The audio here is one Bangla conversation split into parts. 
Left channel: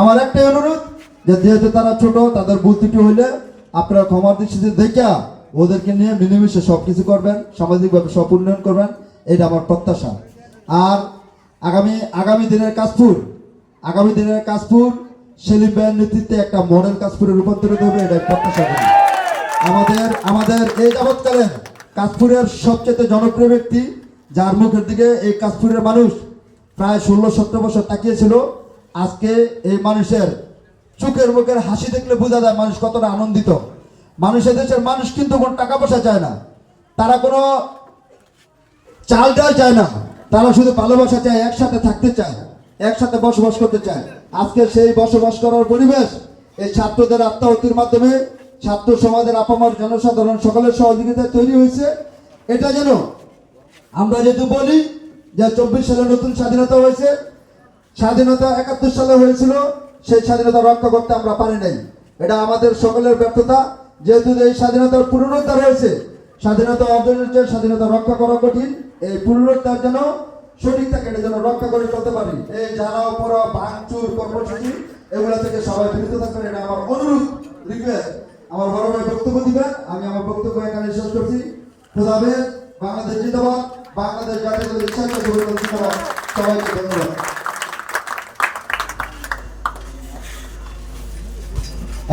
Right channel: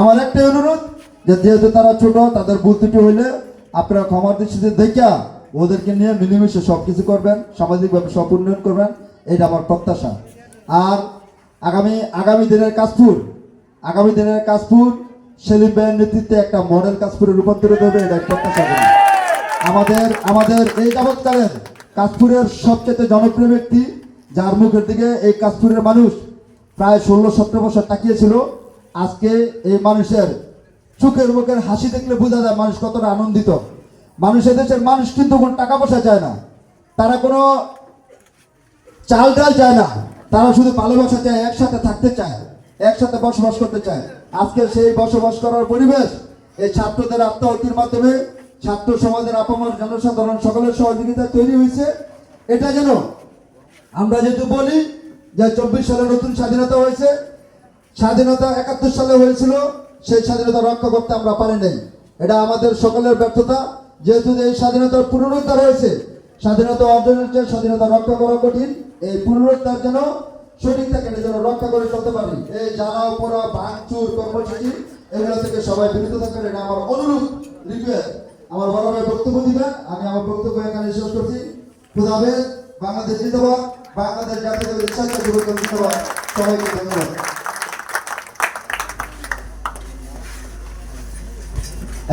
আমার একটাই অনুরোধ যে যেহেতু তারা ছোট, তাদের ভুল ত্রুটি হইলে আপনারা ক্ষমার দৃষ্টিতে দেখা ওদেরকে নিয়ে মিলেমিশে সব কিছু করবেন, সামাজিকভাবে সব উন্নয়ন করবেন, এটা আমার প্রত্যাশা। আর আগামী দিনের কাশপুর সেলিম ভাইয়ের নেতৃত্বে একটা মডেল কাশপুরে রূপান্তরিত হবে, এটা প্রত্যাশা করি। আমাদের এই যাবৎকালের কাশপুরের সবচেয়ে জনপ্রিয় ব্যক্তি, যার মুখের দিকে এই কাশপুরের মানুষ প্রায় 16-17 বছর তাকিয়েছিল, আজকে এই মানুষের চোখের মুখের হাসি দেখলে বোঝা যায় মানুষ কতটা আনন্দিত। দেশের মানুষ কিন্তু কোনো টাকা পয়সা চায় না, তারা কোনো চাল ডাল চায় না, তারা শুধু ভালোবাসা চায়, একসাথে থাকতে চায়, একসাথে বসবাস করতে চায়। আজকে সেই বসবাস করার পরিবেশ এই ছাত্রদের আত্মাহুতির মাধ্যমে, ছাত্র সমাজের আপামর জনসাধারণ সকলের সহযোগিতায় তৈরি হয়েছে। এটা যেন আমরা যেহেতু বলি যে 24 সালে নতুন স্বাধীনতা হয়েছে, স্বাধীনতা 71 সালে হয়েছিল, সেই স্বাধীনতা রক্ষা করতে আমরা পারি নাই, এটা আমাদের সকলের ব্যর্থতা। যেহেতু এই স্বাধীনতার পুনরুদ্ধার হয়েছে, স্বাধীনতা অর্জনের স্বাধীনতা রক্ষা করা কঠিন, এই পুনরুদ্ধার যেন সঠিক থাকে, এটা যেন রক্ষা করে চলতে পারি। এই জ্বালাও পোড়া ভাঙচুর কর্মসূচি এগুলো থেকে সবাই বিরত থাকবেন, এটা আমার অনুরোধ, রিকোয়েস্ট। আমার বড় ভাই বক্তব্য দিবেন, আমি আমার বক্তব্য এখানে শেষ করছি। খোদা হাফেজ। বাংলাদেশ জিন্দাবাদ, বাংলাদেশ জাতীয়তাবাদী ইসলামী দল জিন্দাবাদ। সবাইকে ধন্যবাদ।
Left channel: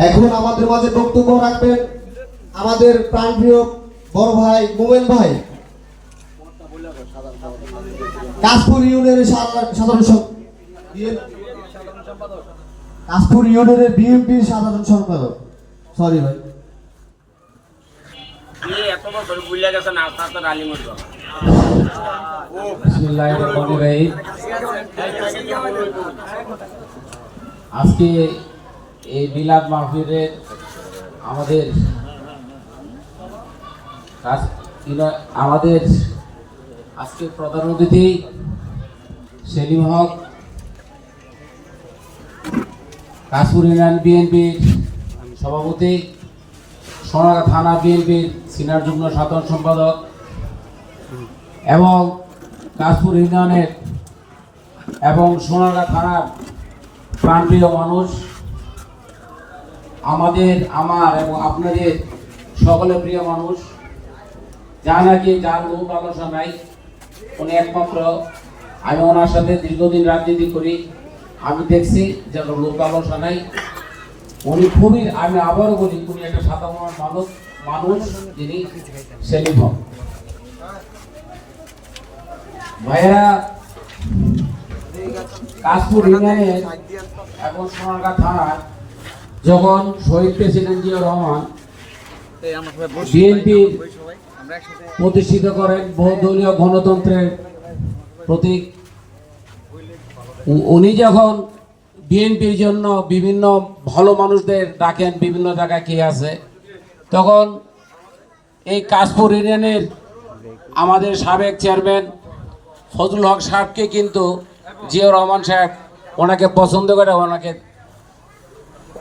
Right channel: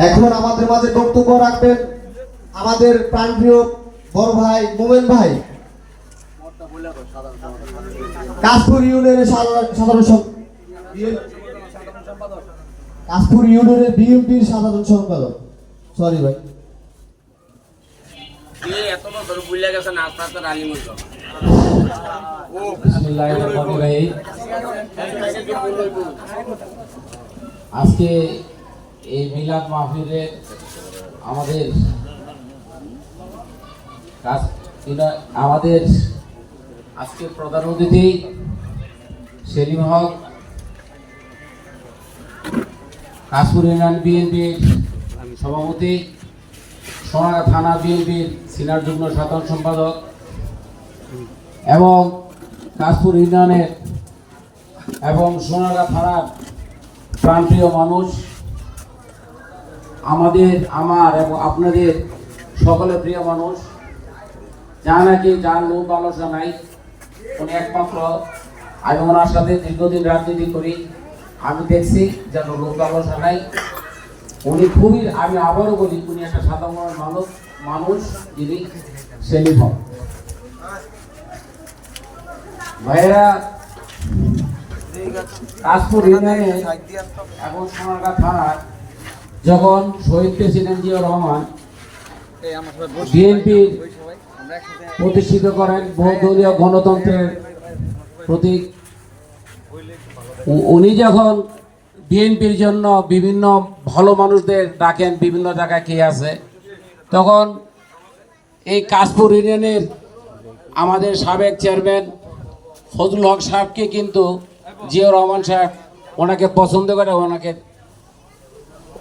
এখন আমাদের মাঝে বক্তব্য রাখবেন আমাদের প্রাণপ্রিয় বড় ভাই মোমেন ভাই, কাশপুর ইউনিয়নের কাশপুর ইউনিয়নের বিএনপির সাধারণ সম্পাদক। সরি ভাই, আজকে এই মিলাদ মাহফিলে আমাদের আজকে প্রধান অতিথি সেলিম হক, কাশপুর ইউনিয়ন বিএনপির সভাপতি, সোনারগাঁ থানা বিএনপির সিনিয়র যুগ্ম সাধারণ সম্পাদক এবং কাশপুর ইউনিয়নের এবং সোনারগাঁ থানার প্রাণপ্রিয় মানুষ, আমার এবং আপনাদের সকলের প্রিয় মানুষ, যা নাকি যার লোক আলোচনা নাই, উনি একমাত্র, আমি ওনার সাথে দীর্ঘদিন রাজনীতি করি, আমি দেখছি যেন লোক আলোচনা নাই, উনি খুবই, আমি আবারও বলি, উনি একটা সাধারণ মানুষ যিনি সেলিম হক। ভাইয়েরা, কাশপুর ইউনিয়নে এখন সোনারগাঁ থানার যখন শহীদ প্রেসিডেন্ট জিয়াউর রহমান বিএনপি প্রতিষ্ঠিত করেন বহুদলীয় গণতন্ত্রের প্রতীক, উনি যখন বিএনপির জন্য বিভিন্ন ভালো মানুষদের ডাকেন বিভিন্ন জায়গায় কে আছে, তখন এই কাশপুর ইউনিয়নের আমাদের সাবেক চেয়ারম্যান ফজলুল হক সাহেবকে কিন্তু জিয়াউর রহমান সাহেব ওনাকে পছন্দ করে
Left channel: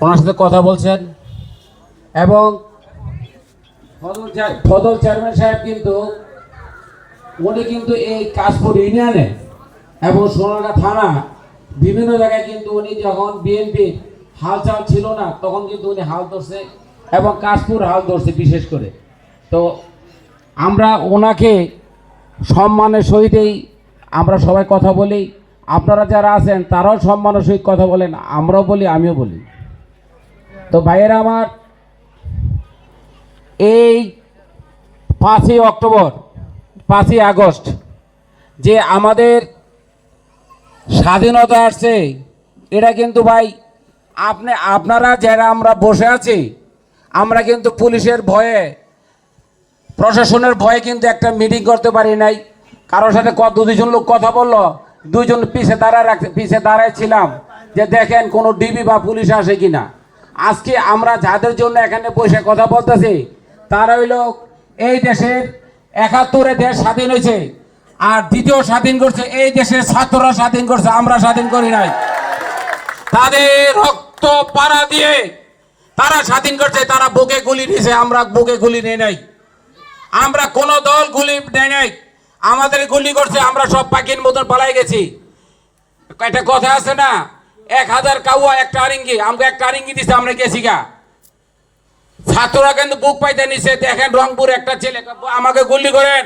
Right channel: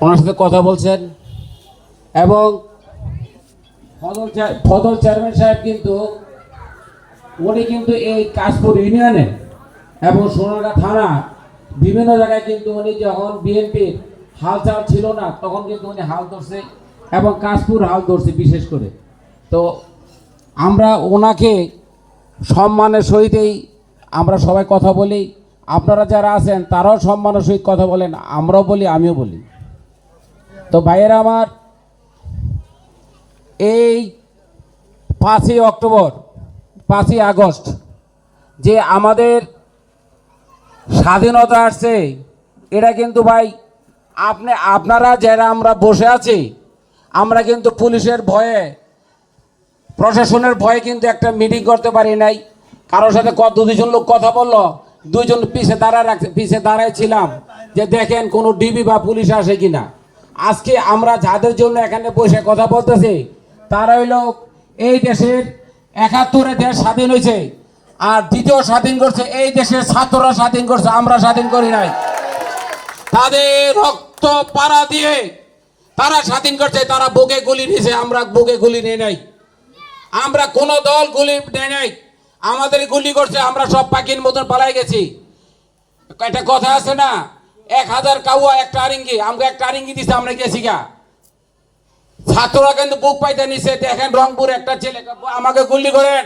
ওনার সাথে কথা বলছেন, এবং ফজল চেয়ারম্যান সাহেব উনি কিন্তু এই কাশপুর ইউনিয়নে এবং সোনারগাঁ থানা বিভিন্ন জায়গায় কিন্তু উনি যখন বিএনপির হালচাল ছিল না তখন কিন্তু উনি হাল ধরছে এবং কাশপুর হাল ধরছে বিশেষ করে। তো আমরা ওনাকে সম্মানের সহিতই আমরা সবাই কথা বলি, আপনারা যারা আছেন তারাও সম্মানের সহিত কথা বলেন, আমরাও বলি, আমিও বলি। তো ভাইয়েরা আমার, এই 5ই অক্টোবর 5ই আগস্ট যে আমাদের স্বাধীনতা আসছে, এটা কিন্তু ভাই আপনারা যারা আমরা বসে আছি, আমরা কিন্তু পুলিশের ভয়ে, প্রশাসনের ভয়ে কিন্তু একটা মিটিং করতে পারি নাই। কারোর সাথে দুজন লোক কথা বললো, দুজন পিছে দাঁড়ায় ছিলাম যে দেখেন কোনো ডিবি বা পুলিশ আসে কিনা। আজকে আমরা যাদের জন্য এখানে বসে কথা বলতেছি তারা হইল এই দেশের 71-এ দেশ স্বাধীন হয়েছে, আর দ্বিতীয় স্বাধীন করছে এই দেশের ছাত্ররা স্বাধীন করছে, আমরা স্বাধীন করি নাই। তাদের রক্ত পাড়া দিয়ে তারা স্বাধীন করছে, তারা বুকে গুলি নিয়েছে, আমরা বুকে গুলি নেই নাই, আমরা কোন দল গুলি নেই নাই, আমাদের গুলি করছে, আমরা সব পাখির মতন পালাই গেছি। একটা কথা আছে না, 1000 কাউয়া একটা আরিঙ্গি, আমাকে একটা আরিঙ্গি দিছে, আমরা গেছি গা। ছাত্ররা কিন্তু বুক পাইতে নিছে। দেখেন রংপুর একটা ছেলে আমাকে গুলি করেন,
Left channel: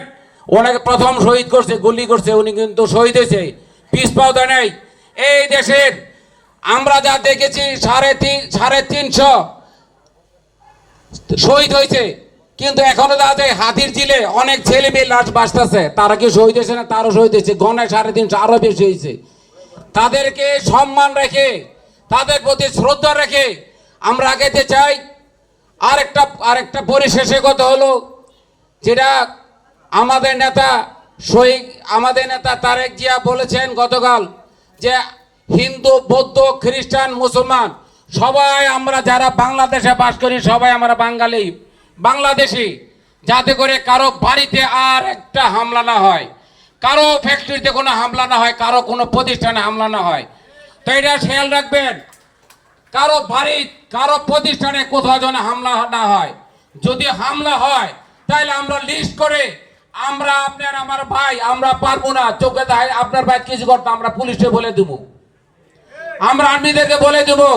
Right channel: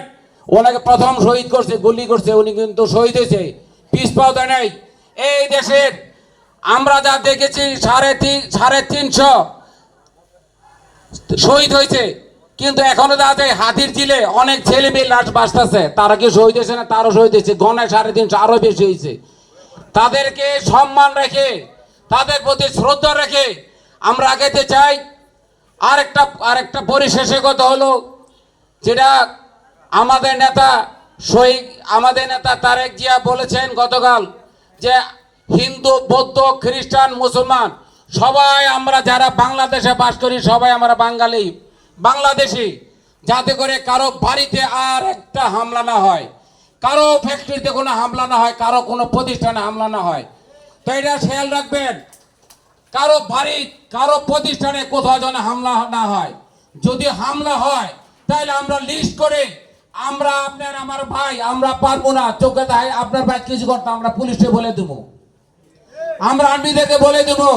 ওনাকে প্রথম শহীদ করছে, গুলি করছে, উনি কিন্তু শহীদ হয়েছে, পিস পাও দেয় নাই। এই দেশের আমরা যা দেখেছি 350 শহীদ হয়েছে, কিন্তু এখনো দেখা যায় হাতির ঝিলে অনেক ছেলে মেয়ে লাশ বাঁচতেছে। তারা কি শহীদ হয়েছে না? তারও শহীদ হয়েছে, গণায় 350 আরো বেশি হয়েছে। তাদেরকে সম্মান রেখে, তাদের প্রতি শ্রদ্ধা রেখে আমরা আগাতে চাই। আরেকটা পরিশেষে কথা হলো, যেটা আমাদের নেতা তারেক জিয়া বলেছেন গতকাল, যে হিন্দু, বৌদ্ধ, খ্রিস্টান, মুসলমান সবাই আমরা যারা বাংলাদেশে বাস করি সবাই আমরা বাঙালি, বাংলাদেশি, যাতে করে কারো বাড়িতে আর একটা হামলা না হয়, কারো ফ্যাক্টরিতে কোনো হামলা না হয়, কারো কোনো প্রতিষ্ঠানে হামলা না হয়। তো এটা খেয়াল রাখবেন, কারো বাড়ি, কারো প্রতিষ্ঠানে কোথাও যেন হামলা না হয়। যদি হামলা হয় তাহলে আমরা লিস্ট করে, আমরা আপনার আমার ভাই, আমরা পারবো না, চোখে আপনার ভাই কিছু করতে, আমরা পুলিশে বলে দেবো, আমরা আর্মিদেরকে বলে দেবো,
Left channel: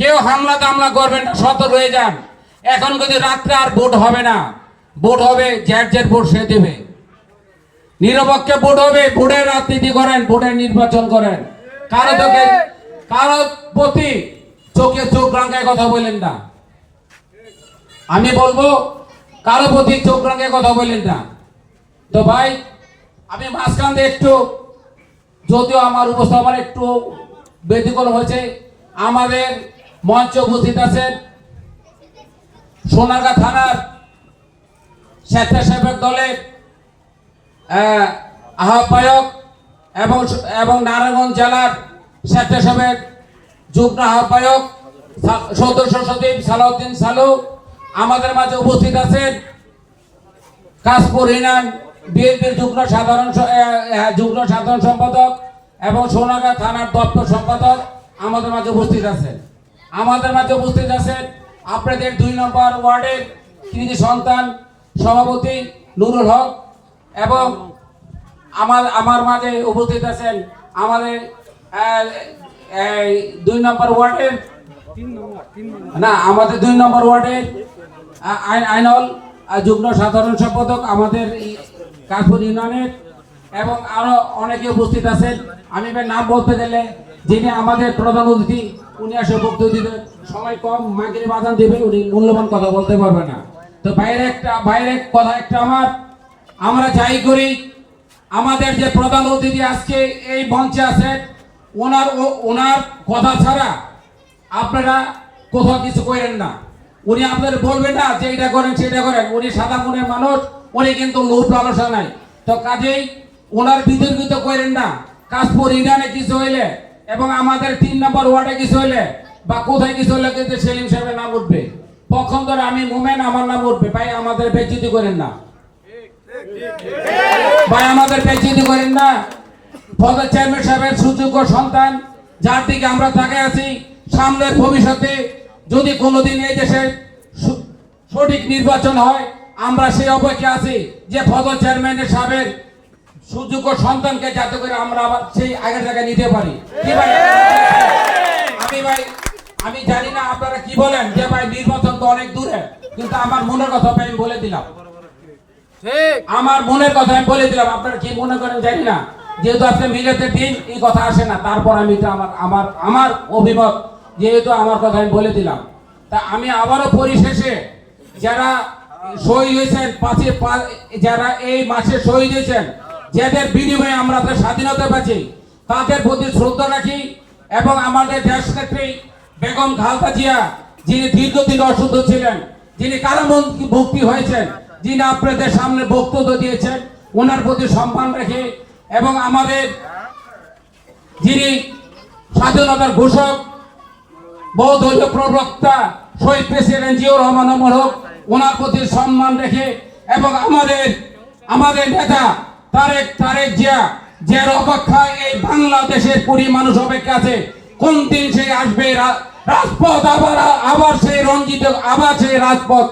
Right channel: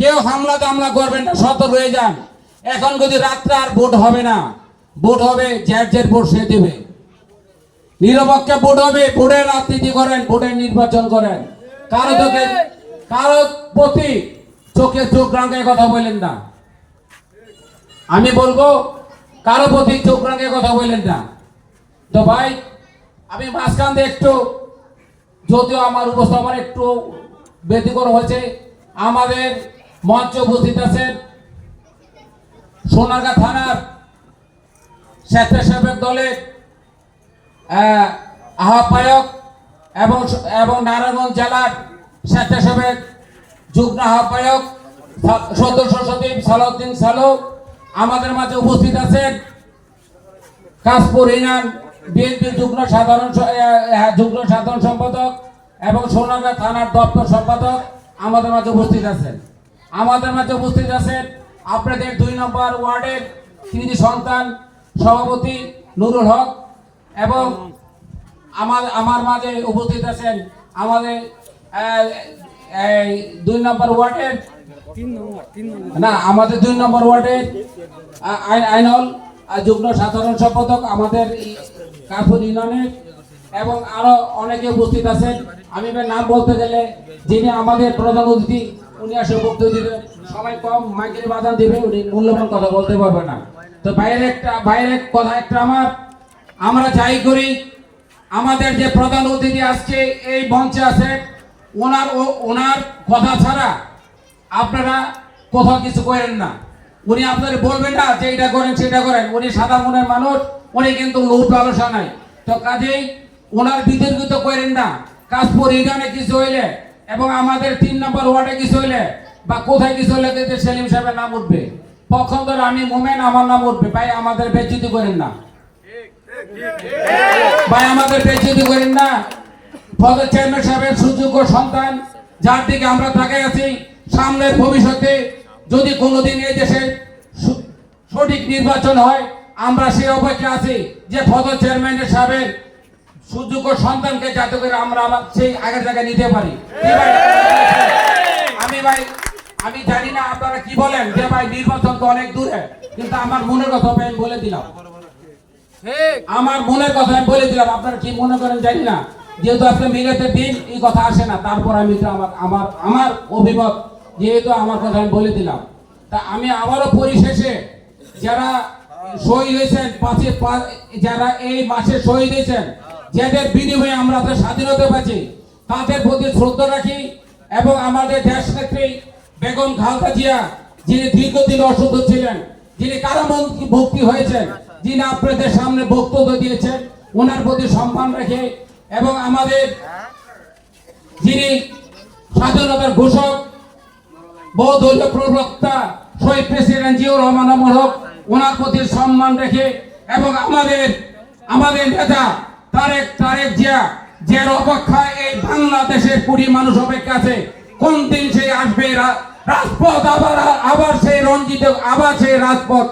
কেউ হামলা টামলা করবেন না, সতর্ক হয়ে যান। এখন যদি রাত্রে আর ভোট হবে না, ভোট হবে যার ভোট সে দেবে, নিরপেক্ষ ভোট হবে, ভোটের রাজনীতি করেন, ভোটের নির্বাচন করেন। কারো প্রতি চোখে চোখ রাঙায় কথা বলেন না। আমি বলবো কারো প্রতি চোখ রাঙায় কথা বলেন না। তো ভাই, আমি মাঝখান দিয়ে একটু, যদিও আমার উপস্থাপনা একটু ব্যতিক্রম হয়েছে, আমাদের মঞ্চে উপস্থিত আছেন সোনারগাঁ থানার স্বেচ্ছাসেবক দলের আহ্বায়ক এবং নারায়ণগঞ্জ জেলার স্বেচ্ছাসেবক যুগ্ম আহ্বায়ক সদস্য সচিব সালাউদ্দিন সালু আমাদের মাঝে উপস্থিত আছেন। কাশপুর ইউনিয়ন বিএনপির যুগ্ম সাধারণ সম্পাদক এবং সোনারগাঁ থানার দপ্তর সম্পাদক আমাদের মাঝে উপস্থিত আছেন। আমাদের মাঝে উপস্থিত আছেন আপনাদের 2 নম্বর ওয়ার্ডের কৃতি সন্তান সভাপতি নুরুল হক, এবং আমার মাঝে উপস্থিত আছেন আমাদের 2 নম্বর ওয়ার্ডের আমাদের 2 নম্বর ওয়ার্ডের আইনল যুগ্ম সাধারণ সম্পাদক আমাদের কাশপুর ইউনিয়নের, এবং আরো অনেকে উপস্থিত আছেন। আমি নাম বলতে গেলে যিনি আমাদের প্রধান অতিথি, উনি আসলে বক্তব্য দিবেন, সবাই কম মাইকে বাজান দিবে, উনি মূল্যবান কথা বলতে পারবে না। তো বাইরে কথা একটা, আমরা যাই করি, আমাদের যে প্রধান অতিথি আজকে এই মঞ্চে আছেন, ওনার কথা ছাড়া আপনারা কোথাও কিছু করেন না। উনি আপনাদের বলবেন না যে এটা করেন সেটা করেন, উনি সাদা মনের মানুষ, উনি কিন্তু লোভ লালসা নাই। তো কাজেই ওনার বিতর্কিত করেন না। কাশপুর ইউনিয়নে কিছু হইলে এবং আমাদের 3 নম্বর ওয়ার্ডে কিছু হইলে বা কোথায় কিছু হইলে কিন্তু সেলিম সাহেবের নাম উঠবে, পক্ষান্তরে আমি মোমেন, আমার নাম উঠবে। ভাই আমাদের বেজ্জতি করেন না, ভাই আমাদের বেজ্জতি করেন না। ফজল চেয়ারম্যান সাহেবের সুযোগ্য সন্তান, যার দিকে আমরা তাকিয়ে আছি, সামনের ভবিষ্যতে যদি কোনোদিন এই দেশে সঠিক নির্বাচন হয়, আমরা সেই অপেক্ষা আছি যে ফজল চেয়ারম্যানের সাহেবের সুযোগ্য সন্তানকে যাতে করে আমরা আবার সেই আগের জায়গায় নিতে পারি। কি ভাই, আমি জানি না আপনারা কি বলেন, যে ভাই নির্বাচন তো অনেক দূরে, কিন্তু আমার মনের কথা আমি বলে দিলাম, আমার মনের কথা আমি বলে দিলাম। আপনারা কি মনে করেন জানি না, যেহেতু আজকে মিলাদের দিন, এই কথা আসে না, তারপর আমি আমার অভিমত, যেহেতু আমার কথা আমি বলে দিলাম। তা আমি আবারও পরিশেষে যারা শহীদ হয়েছেন, যারা এই মাসে শহীদ হয়েছেন, যাদের বিনিময়ে আমরা তো স্বাধীনতা পেয়েছি, তাদের প্রতি শ্রদ্ধা রাখি। এবং আমাদের দেশ নেত্রী বেগম খালেদা জিয়া, যিনি দীর্ঘদিন অসুস্থ ছিলেন, যিনি কারামুক্তি হয়েছেন, যিনি আপনাদের সামনে বক্তব্য দিয়েছেন, ওনার প্রতি সম্মান রেখে, এবং আমাদের যিনি স্বাধীনতার ঘোষক, বহুদলীয় প্রবক্তা শহীদ প্রেসিডেন্ট জিয়াউর রহমান হক, ওনার প্রতি সম্মান রেখে, এবং আমাদের নেতা তারেক জিয়া, যে অপেক্ষায় এই বাংলাদেশের 20 মানুষ অপেক্ষা আছে, কোন দিন সে আসবে রাজপথ আবার সেই রঞ্জিত, আবার সেই রাজপথ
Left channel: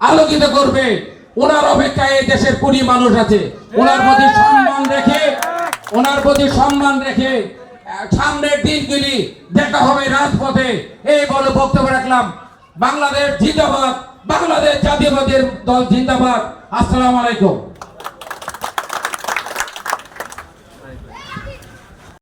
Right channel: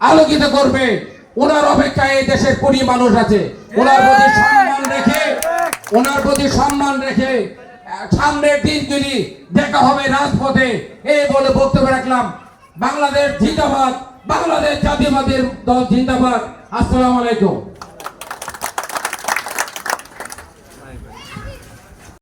আলোকিত করবে, ওনার অপেক্ষায় এই দেশের 20 মানুষ আছে। ওনার প্রতি সম্মান রেখে সামনের দিনগুলি দেখা হবে রাজপথে, এই বলে বক্তব্য রাখলাম। বাংলাদেশ জিন্দাবাদ, বাংলাদেশ জাতীয়বাদী দল জিন্দাবাদ। আসসালামু আলাইকুম।